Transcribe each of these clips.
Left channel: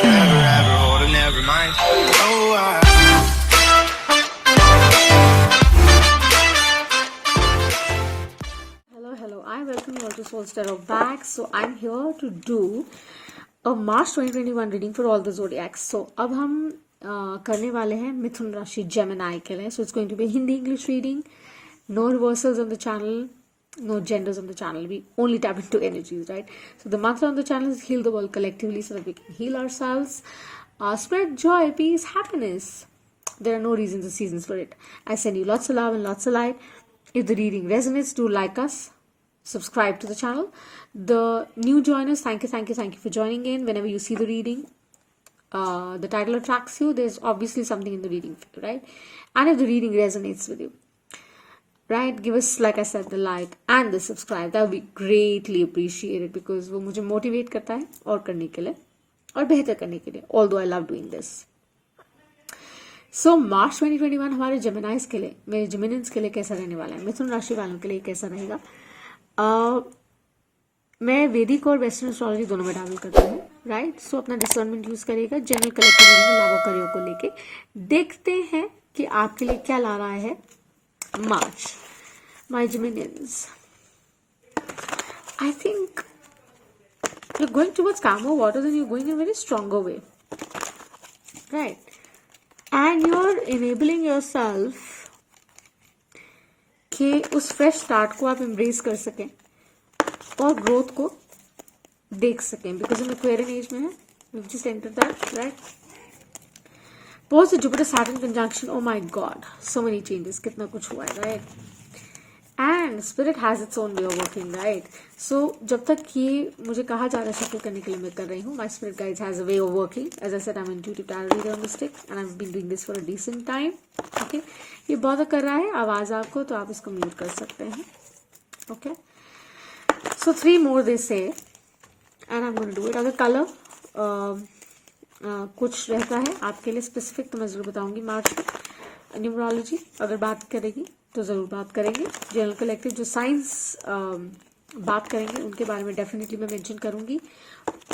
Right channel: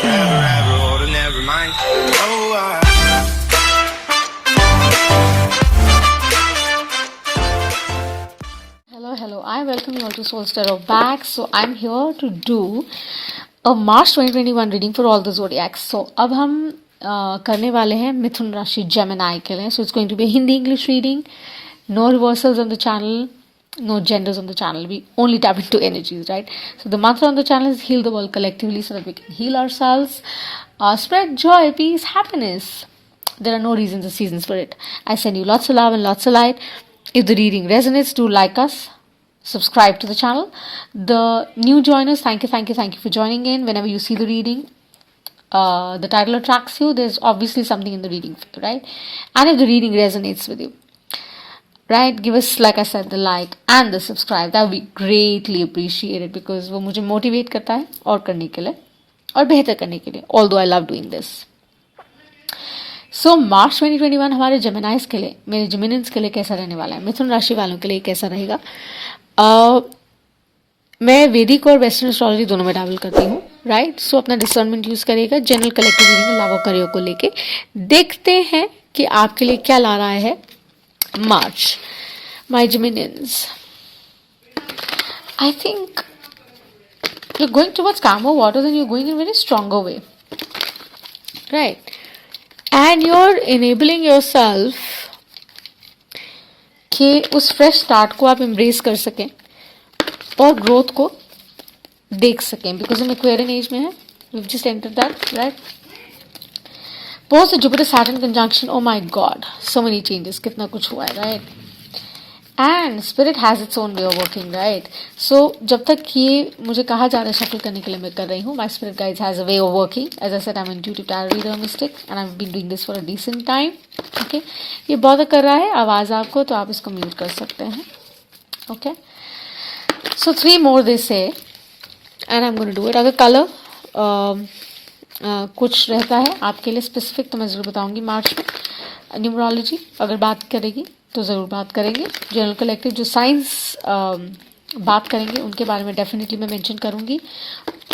forever, ever hold or never mind. Oh, Hello. I welcome you all to Soul Tarot back. So I'm here to do a March 2021 reading for all the zodiacs. So अब हम करने वाले हैं मिथुन राशि Gemini के लिए. So it's going to be a Hindi English reading. No reversals on the channel. No genders on the channel. We only tap into energies, right? So the mantra on the channel is heal the world collectively so that we can heal ourselves. Spread joy, peace, happiness. There are no reasons or seasons for it. I send you lots of love and lots of light. If the reading resonates, do like us. Subscribe to the channel. The new joiners, thank you for joining in. Whenever you see the reading, the title attracts you, there's obviously something in the reading, right? And if the reading resonates with you, right, give us, like I said, the like and the subscribe. That would be greatly appreciated because वो मुझे motivate करता है और करने के लिए और बेहतर करने के लिए. Although I love doing this. सो मार्च 2021 हमारे जेमिनाइज के लिए, मेरे जेमिनियंस के लिए कैसा रहने वाला है, मिथुन राशि वालों के लिए कैसा रहेगा. मैं वैदिक और वेस्टर्न एस्ट्रोलॉजी दोनों में ट्रैवल करती हूँ, राइट. सो अपना डिसर्नमेंट यूज़ करिएगा. जनरल कलेक्टिव रीडिंग लाभ और करियर को लेके देखते हैं कि आपके लिए क्या ला रहा है March. My Geminians, I think you going towards calmer waters and you going in very stronger way, right. And you're enabling yourself कि उस फ्रेश स्टार्ट को आप एम्ब्रेस कर सकें और ग्रोथ को देख सकें. बिकॉज हम एक्वेरियन एज में हैं. We've just entered that, right? Post Jupiter Saturn conjunction, oh my god, so many changes. कितना कुछ हुआ है, right? And spirit has its own way of working, right? So जब तक ये मुझे कहा जा रहा है शफल करने के लिए मैं कर रही हूँ. My spirit guides has a way of working. As I said, I'm an intuitive tarot reader mystic and I've been doing this for a decent time. Okay? ये bother कर रहा है आवाज़ आपको तो आप इसको म्यूट कर सकते हैं. Okay? So 3 more they say and I'm going to do it. अगर कलर कुछ रहता है आपके लिए स्पेसिफिक तो मैं ज़रूर बताऊँगी मार्च में. न्यूमरोलॉजी अगर बात करेगी तो ज़रूर बात करेंगे. जनरल कलेक्टिव जो साइंस बात करेंगे उनके बारे में डेफिनेटली मैं मेंशन करूँगी.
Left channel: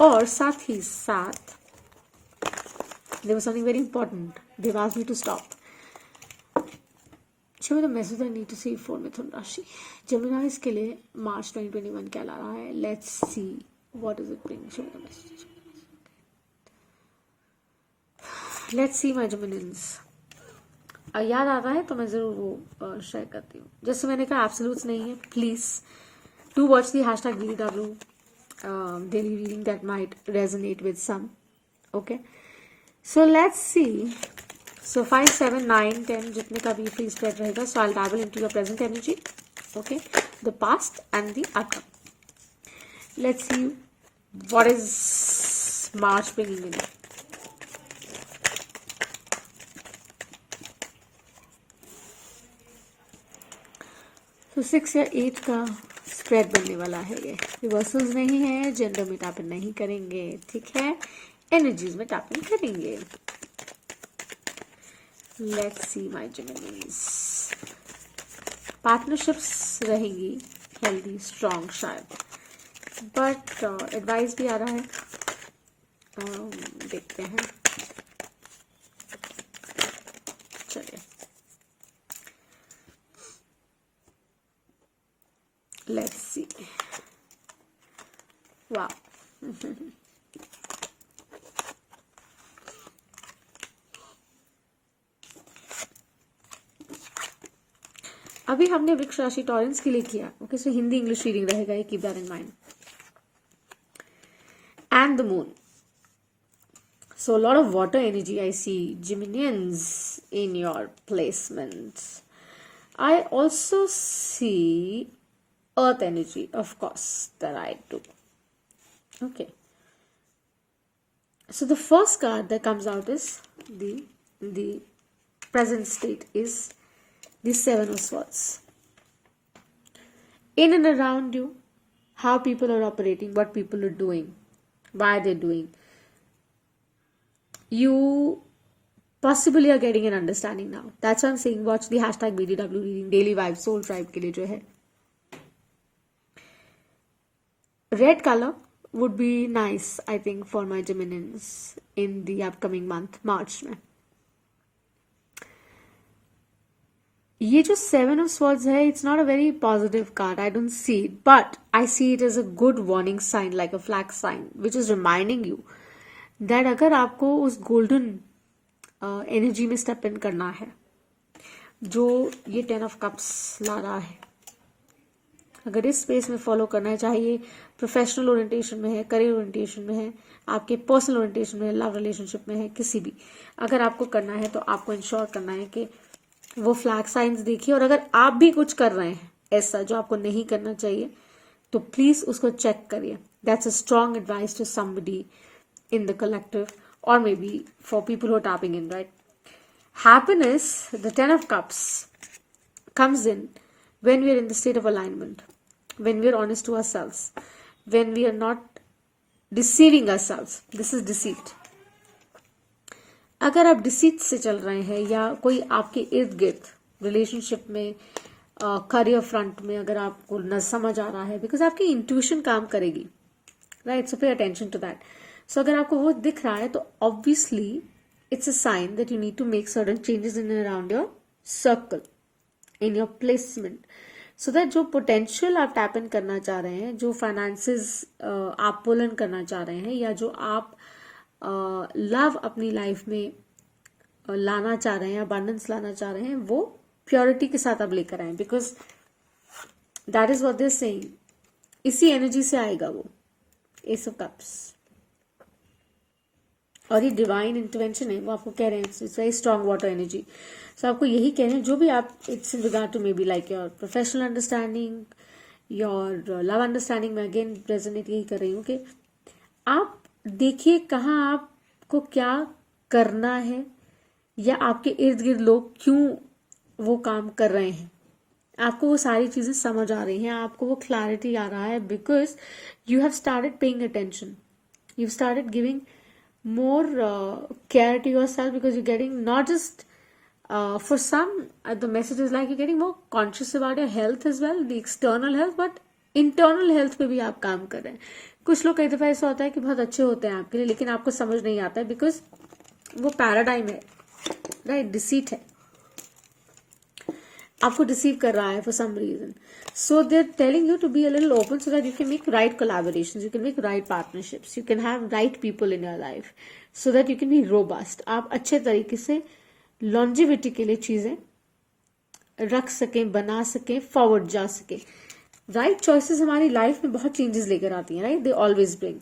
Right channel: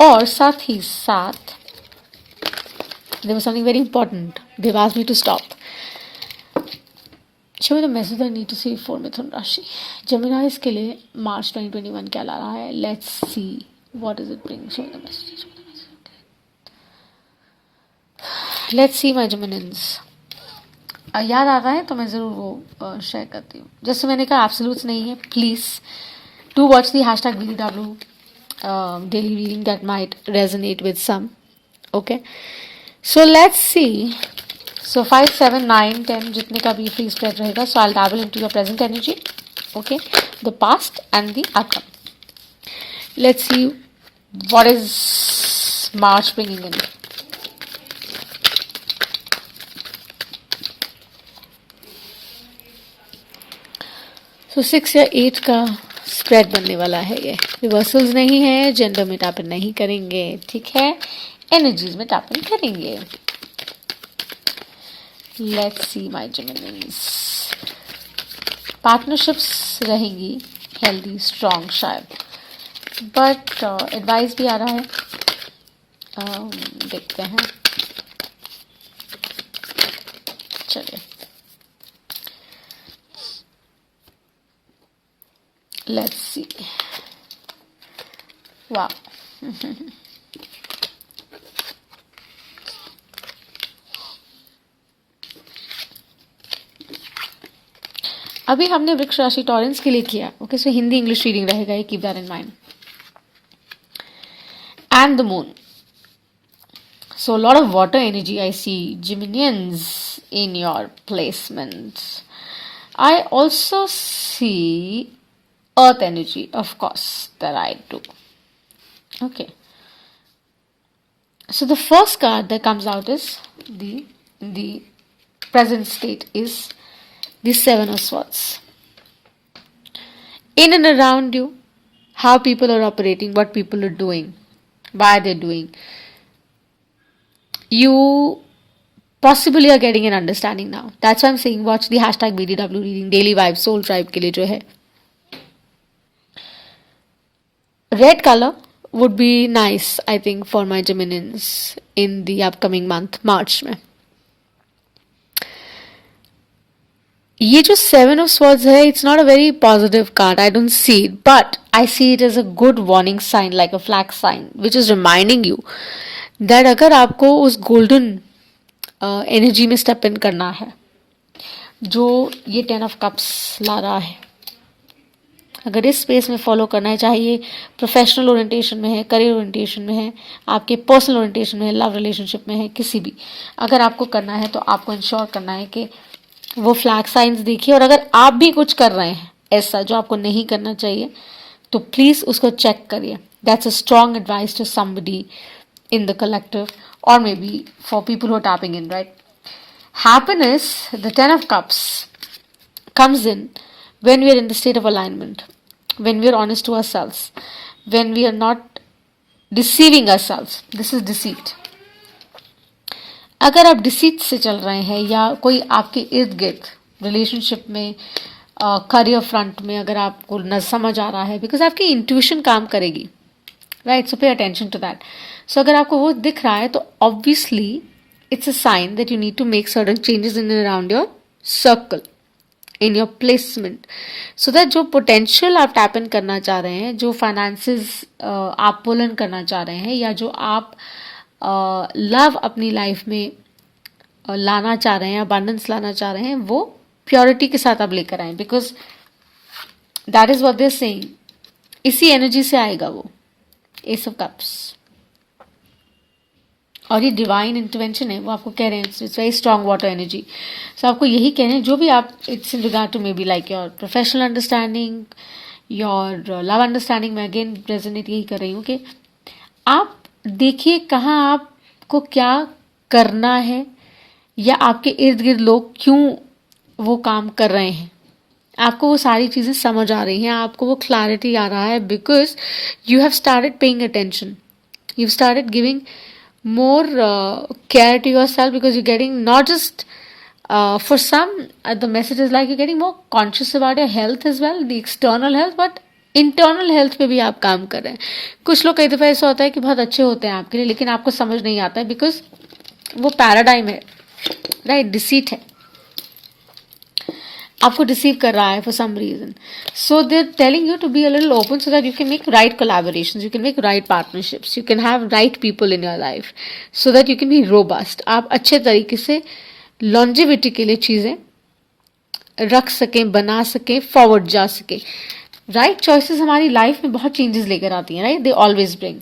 और साथ ही साथ there was something very important. They asked me to stop. Show me the message I need to see for मिथुन राशि. जेमिनाइज के लिए मार्च 2021 क्या ला रहा है. Let's see what is it bring. Show me the message. Let's see my Geminians. याद आ रहा है तो मैं ज़रूर वो शेयर करती हूँ. जैसे मैंने कहा एब्सोल्यूट्स नहीं है. Please do watch the #BDW daily reading that might resonate with some. Okay, so let's see. So 5, 7, 9, 10 जितने का भी फ्री स्प्रेड रहेगा. So I dabble into your present energy. Okay, the past and the outcome. Let's see what is March bringing in. तो 6 या 8 का spread बनने वाला है. ये रिवर्सल्स नहीं है. जेंडर में टैपिंग नहीं करेंगे, ठीक है. एनर्जीज में टैपिंग करेंगे. Let's see my Geminians. Partnerships रहेंगी हेल्दी स्ट्रॉन्ग शायद, बट एडवाइस भी आ रहा है. देखते हैं. चलिए, let's see. Wow. अभी हमने वृक्ष राशि टॉरेंस के लिए किया. Okay, so Hindi English reading रहेगा. Keep that in mind. And the moon. So lot of water energy I see Geminians in your placements. I also see earth energy, of course, that I do. Okay, so the first card that comes out is the present state is the 7 of Swords. In and around you, how people are operating, what people are doing, why they're doing, you possibly are getting an understanding now. That's why I'm saying watch the #BDW reading daily vibes soul tribe के लिए जो है. Red colour would be nice, I think, for my Geminians in the upcoming month, March में. ये जो seven of swords है, it's not a very positive card. I don't see it, but I see it as a good warning sign, like a flag sign which is reminding you that अगर आपको उस golden energy में step in करना है जो ये 10 of cups ला रहा है, अगर इस स्पेस में फॉलो करना है, चाहे ये प्रोफेशनल ओरिएंटेशन में है, करियर ओरिएंटेशन में है, आपके पर्सनल ओरिएंटेशन में है, लव रिलेशनशिप में है, किसी भी अगर आपको करना है तो आपको इंश्योर करना है कि वो फ्लैग साइंस देखिए. और अगर आप भी कुछ कर रहे हैं ऐसा जो आपको नहीं करना चाहिए तो प्लीज़ उसको चेक करिए. That's a strong advice to somebody in the collective और may be for people who are tapping in, right. Happiness, the 10 of cups, comes in when we are in the state of alignment, when we are honest to ourselves, when we are not deceiving ourselves. This is deceit. अगर आप deceit से चल रहे हैं या कोई आपके इर्द गिर्द रिलेशनशिप में, करियर फ्रंट में अगर आपको न समझ आ रहा है, बिकॉज आपकी इंट्यूशन काम करेगी, right. So pay attention to that. सो अगर आपको वो दिख रहा है तो obviously it's a sign that you need to make certain changes in and around your circle, in your placement, so that जो potential आप tap in करना चाह रहे हैं, जो finances आप pull in करना चाह रहे हैं, या जो आप love अपनी life में लाना चाह रहे हैं, abundance लाना चाह रहे हैं, वो purity के साथ आप लेकर आए, because that is what they're saying. इसी energy से आएगा वो Ace of Cups. और ये डिवाइन इंटरवेंशन है, वो आपको कह रहे हैं it's very strong water energy. So आपको यही कह रहे हैं जो भी आप, it's in regard to may be like your professional understanding, your love understanding. मैं अगेन रेजोनेट यही कर रही हूँ कि आप देखिए कहाँ आपको क्या करना है, या आपके इर्द गिर्द लोग क्यों वो काम कर रहे हैं. आपको वो सारी चीज़ें समझ आ रही हैं, आपको वो क्लैरिटी आ रहा है, because you have started paying attention, you started giving more care to yourself, because you're getting not just for some the message is like you're getting more conscious about your health as well, the external health, but internal health पे भी आप काम कर रहे हैं. कुछ लोग कई दफ़ा ऐसा होता है कि बहुत अच्छे होते हैं आपके लिए, लेकिन आपको समझ नहीं आता है बिकॉज वो पैराडाइम है, राइट. डिसीट है, आपको डिसीव कर रहा है for some reason. So they are telling you to be a little open so that you can make right collaborations, you can make right partnerships, you can have right people in your life, so that you can be robust. आप अच्छे तरीके से longevity के लिए चीज़ें रख सकें, बना सकें, फॉरवर्ड जा सकें. राइट चॉइसेस हमारी लाइफ में बहुत चेंजेस लेकर आती हैं, right. They always bring.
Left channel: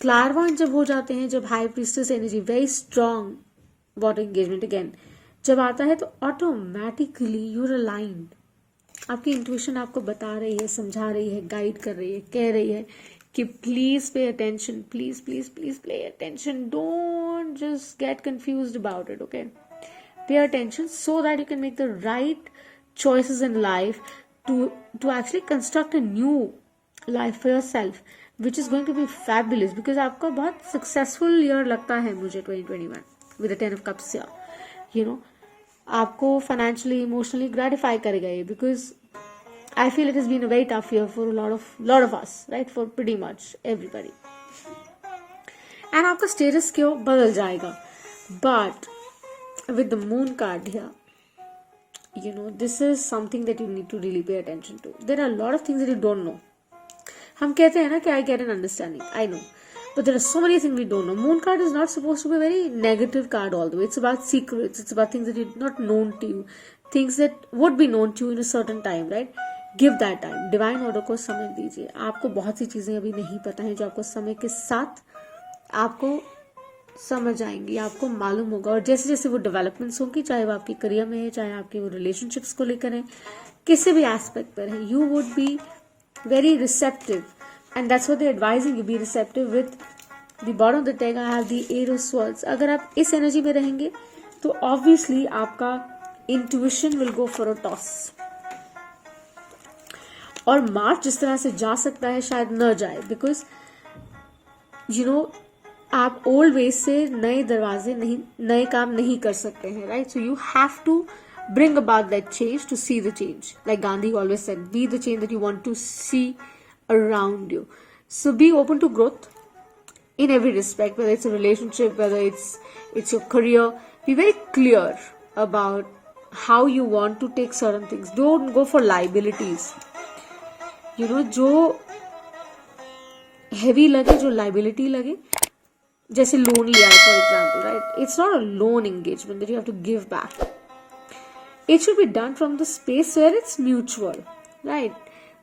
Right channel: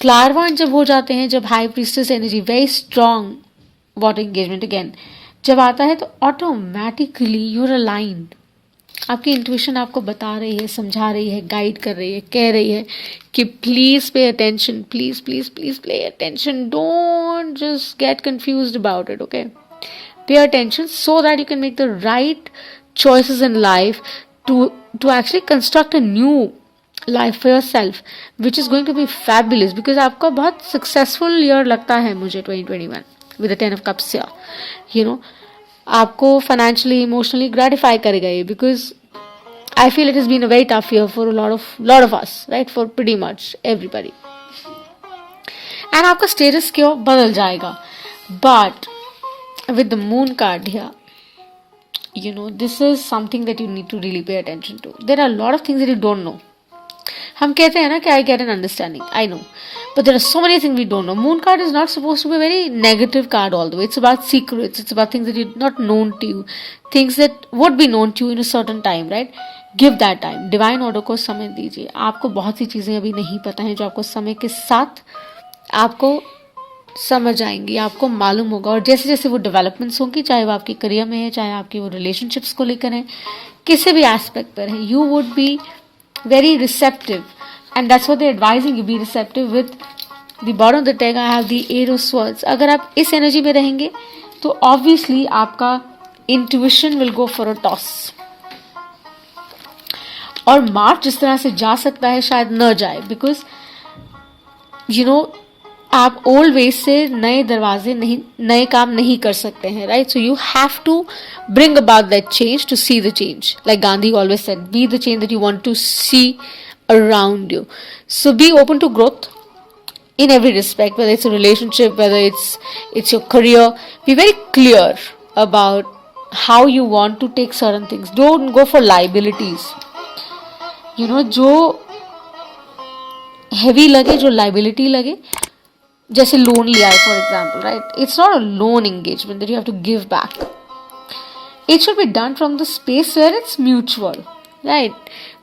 Clairvoyant जब हो जाते हैं, जब high priestess energy, very strong water engagement again जब आता है, तो ऑटोमेटिकली यूर अलाइंड. आपकी इंट्यूशन आपको बता रही है, समझा रही है, गाइड कर रही है, कह रही है कि please pay attention, please please please pay attention, don't just get confused about it, okay. Pay attention so that you can make the right choices in life to actually construct a new life for yourself which is going to be fabulous. Because आपका बहुत successful year लगता है मुझे 2021 with the 10 of cups. You know, आपको financially, emotionally gratify करेगा ये, because I feel it is been a very tough year for lot of us, right, for pretty much everybody. And आपका status क्यों बदल जाएगा. But with the moon card here, you know, this is something that you need to really pay attention to. There are a lot of things that you don't know. हम कहते हैं ना कि I get an understanding, I know, but there are so many things we don't know. Moon card is not supposed to be a very negative card all the way. It's about secrets, it's about things that are not known to you, things that would be known to you in a certain time, right? Give that time. Divine order को समय दीजिए. आपको बहुत सी चीज़ें अभी नहीं पता हैं जो आपको समय के साथ आपको समझ आएंगी, आपको मालूम होगा. और जैसे जैसे वो डेवलपमेंट्स होंगी, चाहे वो आपके करियर में है, चाहे आपके वो रिलेशनशिप्स को लेकर है, किसी भी एस्पेक्ट पर है, you would be very receptive. And that's what they advising you, be receptive. With the bottom of the deck I have the eight of swords. अगर आप इस एनर्जी में रहेंगे तो ऑब्वियसली आपका intuition will go for a toss. और March जिस तरह से जा सकता है शायद न जाए, बिकॉज यू नो आप ओल्ड वेज से नए दरवाजे नहीं, नए काम नहीं कर सकते हैं, right. So you have to bring about that change to see the change. Like Gandhi always said, be the change that you want to see around you. So be open to growth in every respect, whether it's a relationship, whether it's your career. Be very clear about how you want to take certain things. Don't go for liabilities. जो heavy लगे, जो liability लगे, जैसे loan लिया है for example, right, it's not a loan engagement that you have to give back. It should be done from the space where it's mutual, right.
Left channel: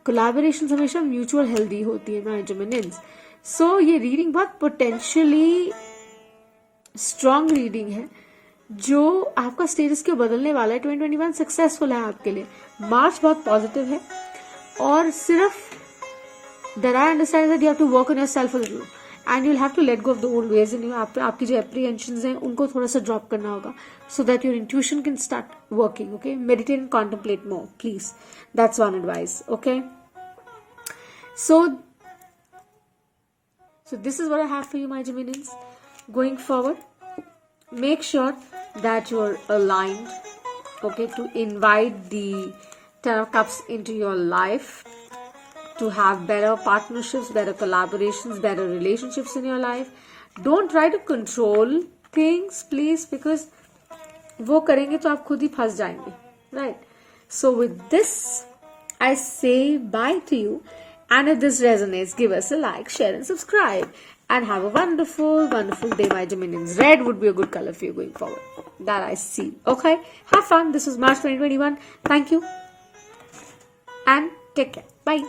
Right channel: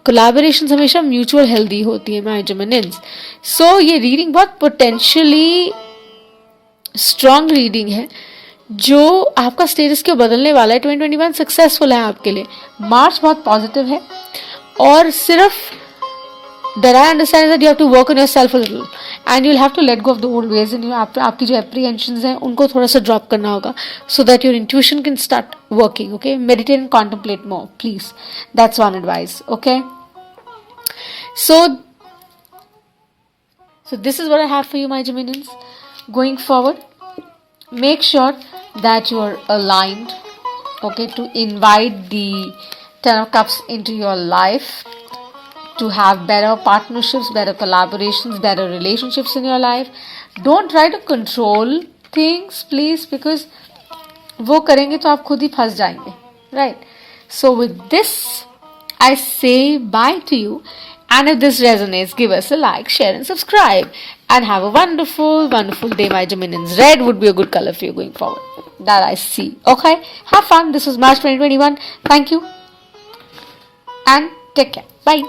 Collaboration हमेशा mutual healthy होती है my जेमिनिन्स. सो ये reading बहुत potentially strong reading है जो आपका status क्यों बदलने वाला है. 2021 सक्सेसफुल है आपके लिए. मार्च बहुत पॉजिटिव है और सिर्फ that I understand that you have to work on yourself a little and you'll have to let go of the old ways and आपकी जो apprehensions हैं उनको थोड़ा सा drop करना होगा so that your intuition can start working. Okay, meditate and contemplate more, please. That's one advice. Okay, so this is what I have for you, my Geminians. Going forward, make sure that you are aligned, okay, to invite the Ten of Cups into your life, to have better partnerships, better collaborations, better relationships in your life. Don't try to control things, please, because वो करेंगे तो आप खुद ही फंस जाएंगे, right? So with this, I say bye to you. And if this resonates, give us a like, share and subscribe. And have a wonderful, wonderful day, my Geminians. Red would be a good color for you going forward. That I see. Okay? Have fun. This was March 2021. Thank you. And take care. Bye.